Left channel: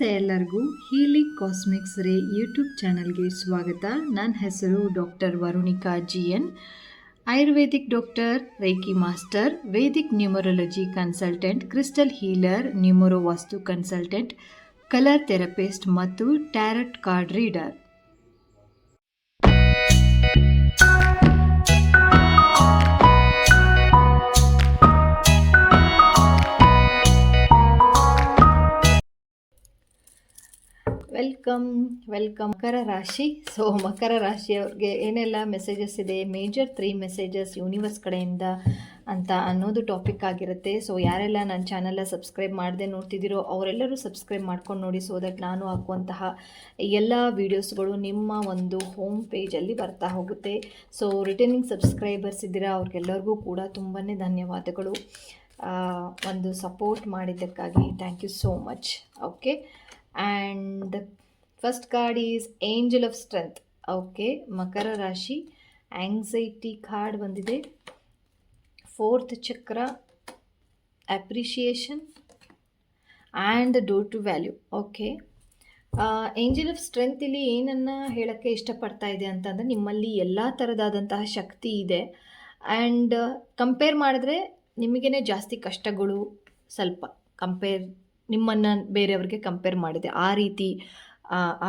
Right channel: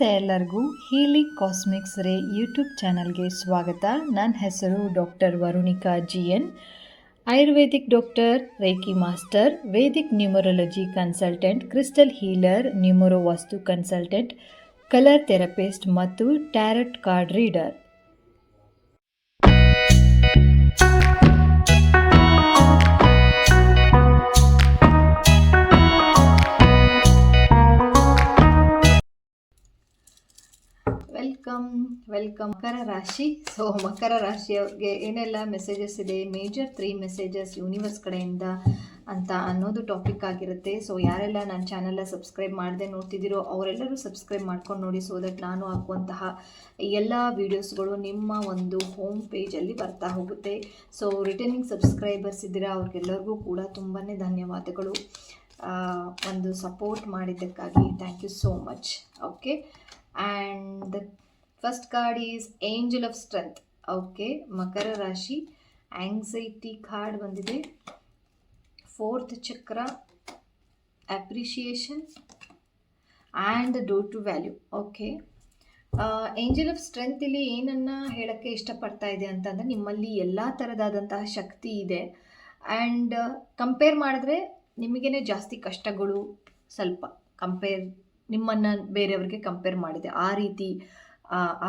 ನಮಸ್ತೆ ಎಲ್ಲರಿಗೂ. Healing cosmics ರೇ ಯೂಟ್ಯೂಬ್ ಚಾನಲ್ಗೆ ಸ್ವಾಗತ. ನನ್ನ ಹೆಸರು doctor Varunika GN, Ayurvedic doctor, reiki master, Vedic numerology consultant, crystal healer, numero vastu consultant, colour therapist ಮತ್ತು tarot card reader. Welcome Makara rashi. So ಮಕರ ರಾಶಿಯವ್ರಿಗೆ ಏನೆಲ್ಲ ಮೆಸೇಜಸ್ ಇದೆ, ಮೇಜರ್ 3 ಮೆಸೇಜಸ್ ಯೂನಿವರ್ಸ್ ಕಡೆಯಿಂದ ಅಂತ ಅನ್ನೋದು ಟಾಪಿಕ್ ಆಗಿರುತ್ತೆ. ಸೊ ಯಾರೆಲ್ಲ ನನ್ನ ಚಾನಲ್ನ ಸಬ್ಸ್ಕ್ರೈಬ್ ಮಾಡದೆ ನೋಡ್ತಿದ್ದೀರೋ ಅವರೆಲ್ಲರೂ ಸಬ್ಸ್ಕ್ರೈಬ್ ಮಾಡ್ಕೊಂಡು ನೋಡಿ, ಸೊ ದಟ್ ನಾನು ಹಾಕುವಂತಹ ಎಲ್ಲ ವೀಡಿಯೋಸ್ಗಳು ನಿಮ್ಮ ಒಂದು ಹೋಮ್ ಪೇಜಲ್ಲಿ ಬರ್ತಾ ಹೋಗುತ್ತೆ. ಸೊ ರಿಟರ್ನಿಂಗ್ ಸಬ್ಸ್ಕ್ರೈಬರ್ಸ್ ಇದ್ದೀರಾ, ಅವ್ರಿಗೆಲ್ಲರಿಗೂ ಕೂಡ ತುಂಬಾ ಧನ್ಯವಾದಗಳು. ಒಂದು ಸಪೋರ್ಟ್ ಮಾಡಿದ್ದಕ್ಕಾಗಿ thank you so much. Okay, and the first card is Angel of Strength. Okay, ಮಕರ ರಾಶಿ, ಆಂಗ್ಸೈಟಿ ಕಾರ್ಡ್ ಬಂದಿದೆ. 4th ಚಕ್ರ, appreciation and door to value. Okay, angel of strength ಇಲ್ಲಿ ಏನನ್ನು ಹೇಳೋಕ್ಕೆ ಇಷ್ಟಪಡ್ತಾ ಇದೆ ಅಂತಂದರೆ, ನಿಮ್ಮಲ್ಲಿ ಎಲ್ಲ ಥರದಾದಂತಹ ಶಕ್ತಿ ಇದೆ ಆ್ಯಂಡ್ ಕಂಪೇರ್ ಮಾಡಿದ್ರೆ ನಿಮಗೇ ಜಾಸ್ತಿ ಕಷ್ಟಗಳು, ಸ್ವಲ್ಪ ನಿಮ್ಮನ್ನು ಬೇರೆಯವ್ರಿಗೆ ಕಂಪೇರ್ ಮಾಡಿದೆ ಆ ರೀತಿ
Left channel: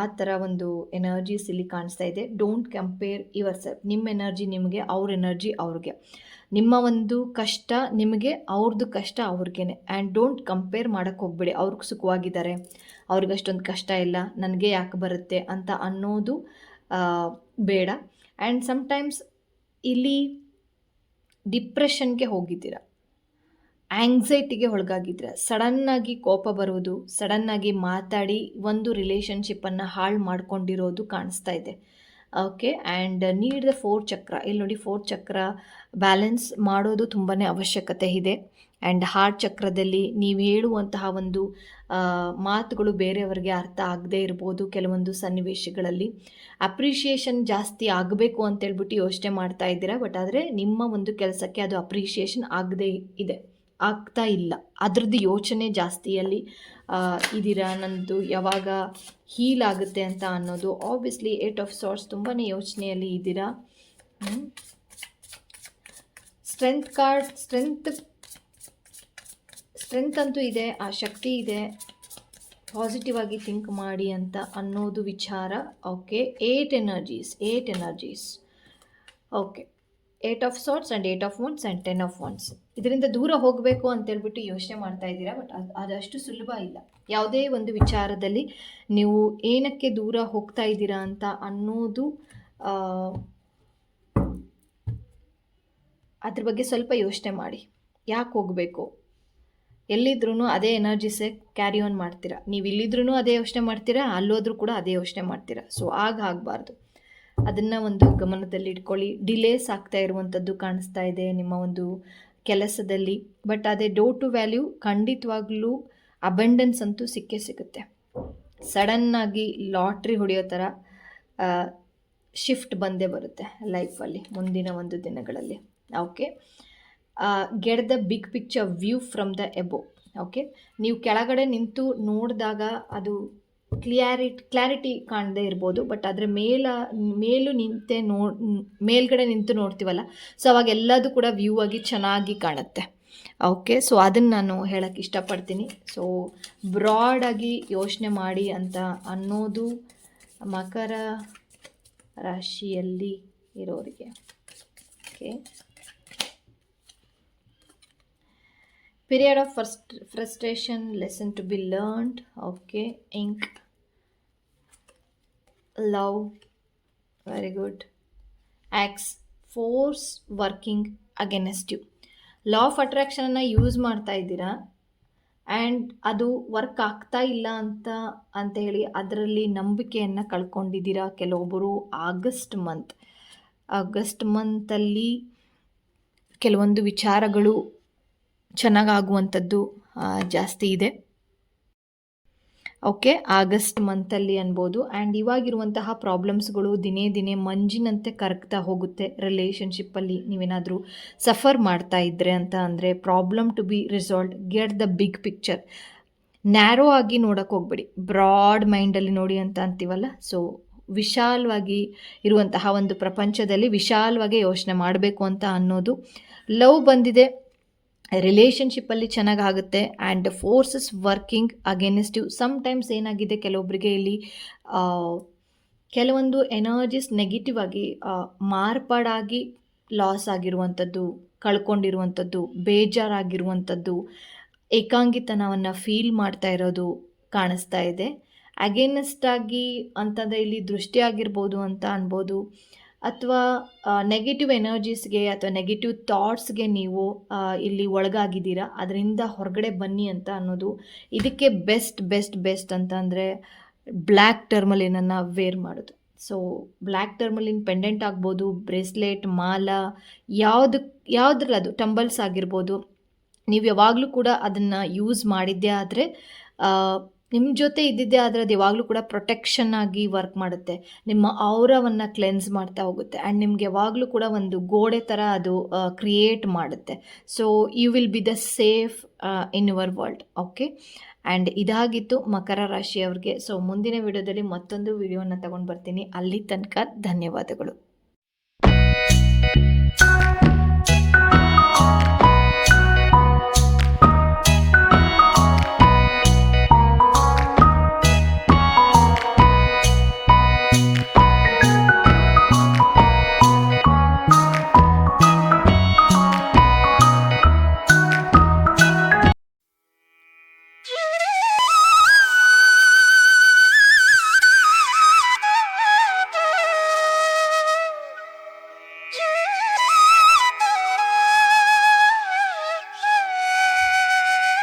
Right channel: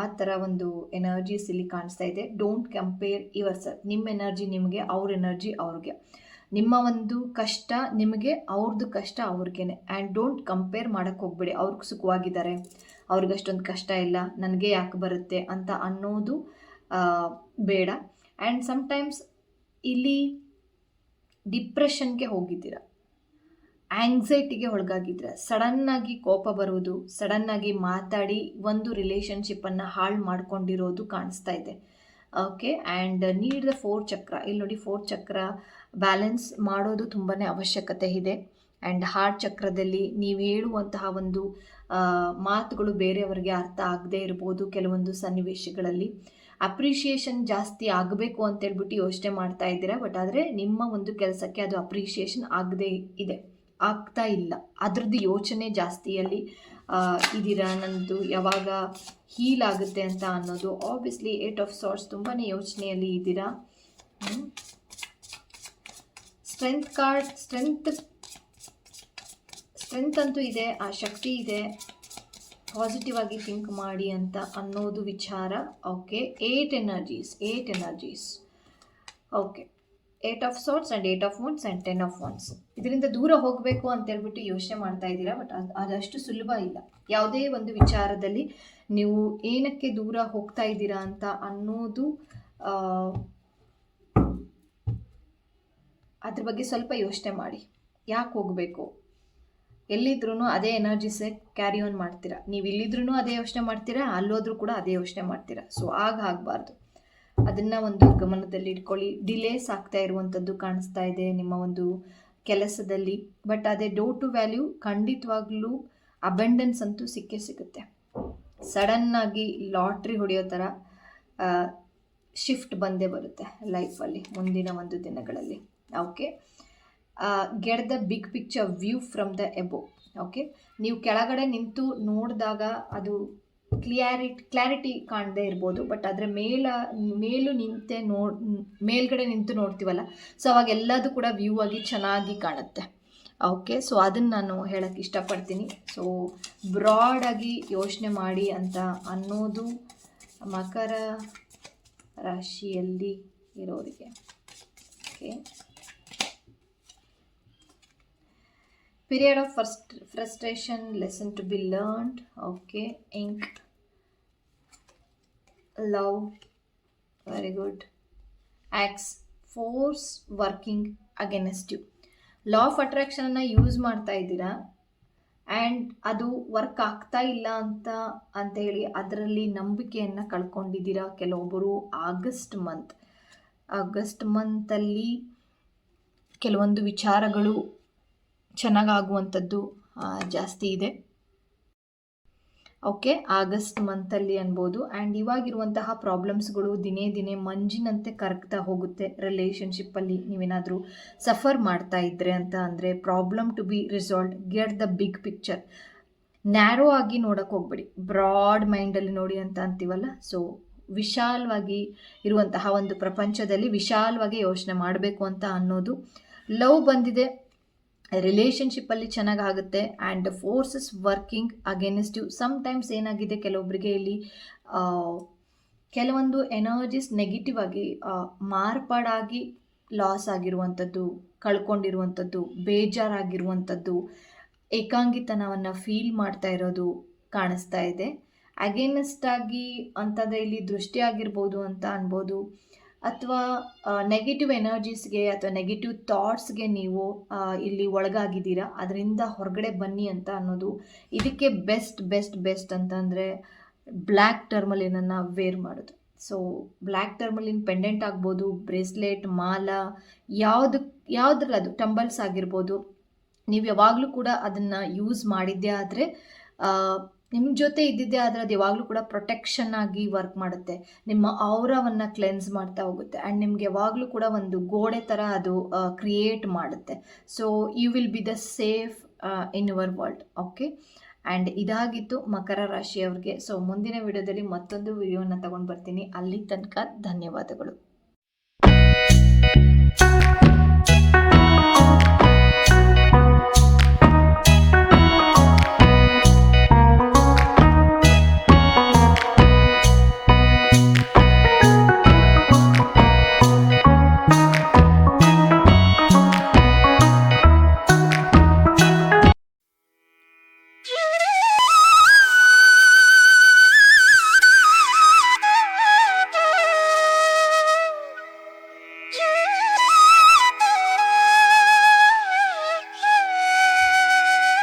ಆ ಥರ ಒಂದು ಎನರ್ಜೀಸ್ ಇಲ್ಲಿ ಕಾಣಿಸ್ತಾ ಇದೆ. Don't compare your self. ನಿಮ್ಮ ಎನರ್ಜಿ ನಿಮಗೆ, ಅವ್ರ ಎನರ್ಜಿ ಅವ್ರಿಗೆ, ನಿಮ್ಮ ಒಂದು ಕಷ್ಟ ನಿಮಗೆ, ಅವ್ರದ್ದು ಕಷ್ಟ ಅವ್ರಿಗೇನೆ. ಆ್ಯಂಡ್ ಡೋಂಟ್ ಕಂಪೇರ್ ಮಾಡೋಕ್ಕೆ ಹೋಗ್ಬೇಡಿ. ಅವ್ರಿಗೆ ಸುಖವಾಗಿದ್ದಾರೆ, ಅವ್ರಿಗೆ ಅಷ್ಟೊಂದು ಕಷ್ಟ ಇಲ್ಲ, ನನಗೆ ಯಾಕೆ ಬರುತ್ತೆ ಅಂತ ಅನ್ನೋದು ಬೇಡ. ಆ್ಯಂಡ್ ಸಮ್ಟೈಮ್ಸ್ ಇಲ್ಲಿ ಡಿಪ್ರೆಷನ್ಗೆ ಹೋಗಿದ್ದೀರ, ಆಂಗ್ಸೈಟಿಗೆ ಒಳಗಾಗಿದ್ರೆ, ಸಡನ್ನಾಗಿ ಕೋಪ ಬರುವುದು, ಸಡನ್ನಾಗಿ ಮಾತಾಡಿ ಒಂದು ರಿಲೇಷನ್ಶಿಪ್ಪನ್ನು ಹಾಳು ಮಾಡ್ಕೊಂಡಿರೋದು ಕಾಣಿಸ್ತಾ ಇದೆ. Okay, and need the 4th ಚಕ್ರ. ಇಲ್ಲಿ ನೋಡಿ, 4th ಚಕ್ರ ಬ್ಯಾಲೆನ್ಸ್ ಮಾಡೋದು ತುಂಬಾ ಅವಶ್ಯಕತೆ ಇದೆ. ಆ್ಯಂಡ್ ಹಾರ್ಟ್ ಚಕ್ರದಲ್ಲಿ ನೀವು ಹೇಳುವಂತಹ ಒಂದು ಮಾತುಗಳು ಬೇರೆಯವರಿಗೆ ಅರ್ಥ ಆಗದೇ ಇರ್ಬೋದು ಕೆಲವೊಂದು ಸನ್ನಿವೇಶಗಳಲ್ಲಿ. ಅಪ್ರಿಷಿಯೇಷನ್ ಜಾಸ್ತಿ ಆಗಬೇಕು ಅಂತೇಳ್ಬಿಟ್ಟು ಯೋಚನೆ ಮಾಡ್ತಾ ಇದ್ದೀರಾ, ಬಟ್ ಆದರೆ ನಿಮ್ಮ ಒಂದು ಕೆಲಸಕ್ಕೆ ಅದು ಅಪ್ರಿಷಿಯೇಷನ್ ಆಗ್ತಾ ಇಲ್ಲ, ಅದ್ರದ್ದು ಯೋಚನೆ ಜಾಸ್ತಿಯಲ್ಲಿ ಇದ್ದೀರಾ. ನನ್ನದು ಯಾವಾಗ ಹೀಲ್ ಆಗುತ್ತೆ ಅಂತ ಅನ್ನೋದು. ಆಬ್ವಿಯಸ್ಲಿ 8 ಆಫ್ ಸಾರ್ಟ್ಸ್, ತುಂಬಾ ಯೋಚನೆಯಲ್ಲಿ ಇದ್ದೀರಾ. ಸ್ಟ್ರೆಂತ್ ಕಾರ್ಡ್, ಸ್ಟ್ರೆಂತ್ ಅಂತೂ ಇದೆ, ಆ ಶಕ್ತಿ ಇದೆ, ಪಾಸಿಟಿವ್ ಆಗಿ ಥಿಂಕ್ ಮಾಡಿ ಅಂತ ಅನ್ನೋದು ವಿಚಾರ. Okay, 8 energies. Okay, 8 of swords and 8 of wands and 10 of wands. ಇದರಿಂದ ದೂರ ಹೋಗಬೇಕು ಅಂತೇಳ್ಬಿಟ್ಟು ಯೋಚನೆ ಮಾಡ್ತಾ ಇದ್ದೀರಾ, ಬಟ್ ಅದಷ್ಟು ಸುಲಭ ಇಲ್ಲ. ಯಾವುದೇ ಒಂದು ವಿಚಾರದಲ್ಲಿ ನೀವು ಏನಕ್ಕೆ ದೂರ ಹೋಗ್ತಾ ಇದ್ದೀರಾ ಅಂತ ಅನ್ನೋದು, ಅದ್ರ ಬಗ್ಗೆ ಸ್ವಲ್ಪ ಯೋಚನೆ ಮಾಡಿ. ಯಾಕೆ ಹೋಗಬೇಕು? ಎಲ್ಲಿದ್ರೂ ಅದೇ ಎನರ್ಜಿಸೇ ಕ್ಯಾರಿ ಆನ್ ಮಾಡ್ತೀರಾ. ನೀವು ಇಲ್ಲಿದ್ರೂ ಅದೇ ಯೋಚನೆ ಮಾಡ್ತೀರಾ, ಅಲ್ಲೋದ್ರೂ ಕೂಡ ಅದೇ ಯೋಚನೆ ಮಾಡ್ತೀರಾ. ಸೊ ಆಗಬಾರ್ದು, ಅದನ್ನು ಒಂದು ಗಮನದಲ್ಲಿ ಇಟ್ಕೊಳ್ಳಿ. ಡಿಲೇಸ್ ಆಗ್ತಾ ಇರುವಂಥದ್ದು ಕಾಣಿಸ್ತಾ ಇದೆ ನಿಮ್ಮ ಒಂದು ಕೆಲಸದಲ್ಲಿ, ಬಟ್ ಅದೇ ಡೋರ್ ಟು ವ್ಯಾಲ್ಯೂ ಖಂಡಿತವಾಗ್ಲೂ ಅಬೆಂಡೆನ್ಸ್ ಅಂತೂ ಸಿಗುತ್ತೆ. ಸಡನ್ನಾಗಿ ಲಾಟ್ರಿ ಹೊಡೆಯೋ ಥರ ಶಿಫ್ಟ್ ಬಂದೇ ಬರುತ್ತೆ ಲೈಫಲ್ಲಿ ಮುಂದಿನ ಒಂದು ದಿನಗಳಲ್ಲಿ. Okay, get the big picture view from the above. Okay, ನೀವು ಕೆಳಗಡೆ ನಿಂತು ನೋಡಿದಾಗ ಅದು ಕ್ಲಾರಿಟಿ ಕಾಣದೇ ಇರ್ಬೋದು, ಬಟ್ ಅದರ ಮೇಲ್ಗಡೆ ನಿಂತು ನೋಡ್ತೀವಲ್ಲ, ಸೊ ಅವಾಗ ಎಲ್ಲದೂ ಕೂಡ ವ್ಯೂ ಆಗಿ ಚೆನ್ನಾಗಿ ಕಾಣುತ್ತೆ. ಓಕೆ, ಸೊ ಅದನ್ನು ನಾನು ಹೇಳೋಕ್ಕೆ ಇಷ್ಟಪಡ್ತೀನಿ. ಸೊ ಬ್ರಾಡಾಗಿ ಯೋಚನೆ ಮಾಡಿ ಅಂತ ಅನ್ನೋದು ಮಕರ ರಾಶಿಯಲ್ಲಿ ಇರೋರಿಗೆ. Okay, period of frustration, lesson to be learned. Okay, ink, love, very good. Axe, force working against you. Law of ಅಟ್ರಾಕ್ಷನನ್ನು ಯೂಸ್ ಮಾಡ್ತಾ ಇದ್ದೀರಾ ಆ್ಯಂಡ್ ಅದು ವರ್ಕ್ ಆಗ್ತಾ ಇಲ್ಲ ಅಂತ ಹೇಳಿ ಅದರಲ್ಲಿ ನಂಬಿಕೆಯನ್ನು ಕಳ್ಕೊಂಡಿದ್ದೀರಾ. ಕೆಲವೊಬ್ಬರು ಆಗಸ್ಟ್ ಮಂತಲ್ಲಿ ಕೆಲವೊಂದು ವಿಚಾರಗಳು ಚೆನ್ನಾಗಾಗುವಂಥದ್ದು ಜಾಸ್ತಿ ಇದೆ. ಓಕೆ, ಆಗಸ್ಟ್ ಮಂತಲ್ಲಿ ಅನ್ಬೋದು. ಆ್ಯಂಡ್ ಇವಾಗಿರುವಂತಹ ಪ್ರಾಬ್ಲಮ್ಸ್ಗಳು ದಿನೇ ದಿನೇ ಮಂಜಿನಂತೆ ಕರಗ್ತಾ ಹೋಗುತ್ತೆ. ರಿಲೇಷನ್ಶಿಪ್ಪಲ್ಲಿ ನೀವೇನಾದರೂ ಸಫರ್ ಮಾಡ್ತಾ ಇದ್ದರೆ ಅಂತ ಅಂದರೆ problem to be resolved. Get the big picture. Narrow ಆಗಿ ನೋಡಕ್ಕೆ ಹೋಗ್ಬೇಡಿ, ಬ್ರಾಡ್ ಮೈಂಡಲ್ಲಿ ನೋಡಿ ಅಂತ ಅಂತೀವಲ್ಲ. ಸೊ ವಿಶಾಲವಾಗಿ ಇರುವಂತಹ ಒಂದು ಪ್ರಪಂಚದಲ್ಲಿ ವಿಶಾಲವಾಗಿ ಯೋಚನೆ ಮಾಡಬೇಕು ಅಂತ ಅನ್ನೋದು. ಲವ್ ಬಂದಿದೆ, ರಿಲೇಷನ್ಶಿಪ್ಪಲ್ಲಿ ಚೆನ್ನಾಗಾಗುತ್ತೆ and forces working against you. Sometimes ಏನಾಗಿದೆ, ಕೆಲವೊಬ್ಬರಿಗೆ ಇಲ್ಲಿ ಕೆಲವೊಂದು ಎನರ್ಜೀಸ್ ನೆಗೆಟಿವ್ ಆಗಿ ಮಾರ್ಪಾಡಾಗಿ ಲಾಸ್ ಆಗಿರುವಂಥದ್ದು, ಕಳ್ಕೊಂಡಿರುವಂಥದ್ದು, ಬೇಜಾರಾಗಿರುವಂಥದ್ದು, ಏಕಾಂಗಿತನವನ್ನು ಫೀಲ್ ಮಾಡ್ತಾ ಇರೋದು ಕಾಣಿಸ್ತಾ ಇದೆ. ಅಗೇನೆಸ್ಟ್ ಆಗಿ ಅಂತಂದರೆ ಇಲ್ಲಿ ದೃಷ್ಟಿ ಆಗಿರ್ಬೋದು ಅಂತ ಅನ್ಬೋದು, ಅಥವಾ ನೆಗೆಟಿವ್ ಎನರ್ಜೀಸ್ಗೆ ಅಥವಾ ನೆಗೆಟಿವ್ ಥಾಟ್ಸ್ಗೆ ನೀವು ಇಲ್ಲಿ ಒಳಗಾಗಿದ್ದೀರಾ, ಅದರಿಂದ ಹೊರಗಡೆ ಬನ್ನಿ ಅಂತ ಅನ್ನೋದು. ಇದಕ್ಕೆ ಬೆಸ್ಟ್ ಅಂತಂದರೆ ಬ್ಲ್ಯಾಕ್ ಟರ್ಮಲಿನನ್ನು ವೇರ್ ಮಾಡೋದು. ಸೊ ಬ್ಲ್ಯಾಕ್ ಟರ್ಮಲಿನ್ ಪೆಂಡೆಂಟ್ ಆಗ್ಬೋದು, ಬ್ರೇಸ್ಲೆಟ್, ಮಾಲ, ಯಾವುದ್ರಲ್ಲಿ ಅದು ಟಂಬಲ್ಸ್ ಆಗಿರ್ಬೋದು. ನೀವು ಯಾವಾಗಲೂ ಕೂಡ ಅದನ್ನು ಯೂಸ್ ಮಾಡಿದ್ದೇ ಆದರೆ, ನಿಮ್ಮ ಜೊತೆ ಇದ್ದಿದ್ದೇ ಆದರೆ ಅದು ಯಾವಾಗಲೂ ಕೂಡ ಪ್ರೊಟೆಕ್ಷನ್ ಆಗಿ ವರ್ಕ್ ಮಾಡುತ್ತೆ. ನಿಮ್ಮ ಔರವನ್ನು ಕ್ಲೆನ್ಸ್ ಮಾಡ್ತಾ ಹೋಗುತ್ತೆ ಆ್ಯಂಡ್ ನಿಮ್ಗೆ ಯಾವಾಗಲೂ ಕೂಡ ಒಂದು ಗೋಡೆ ಥರ ಅದು ಕ್ರಿಯೇಟ್ ಮಾಡುತ್ತೆ. So you will be the safe in your world. Okay, and ಇದಾಗಿತ್ತು ಮಕರ ರಾಶಿಯವ್ರಿಗೆ. ಸೊ ಮುಂದಿನ ವಿಡಿಯೋದಲ್ಲಿ ಮತ್ತೊಂದು ವಿಡಿಯೋನ ತಗೊಂಡು ಬರ್ತೀನಿ. ಅಲ್ಲಿ ತನಕ ಧನ್ಯವಾದಗಳು.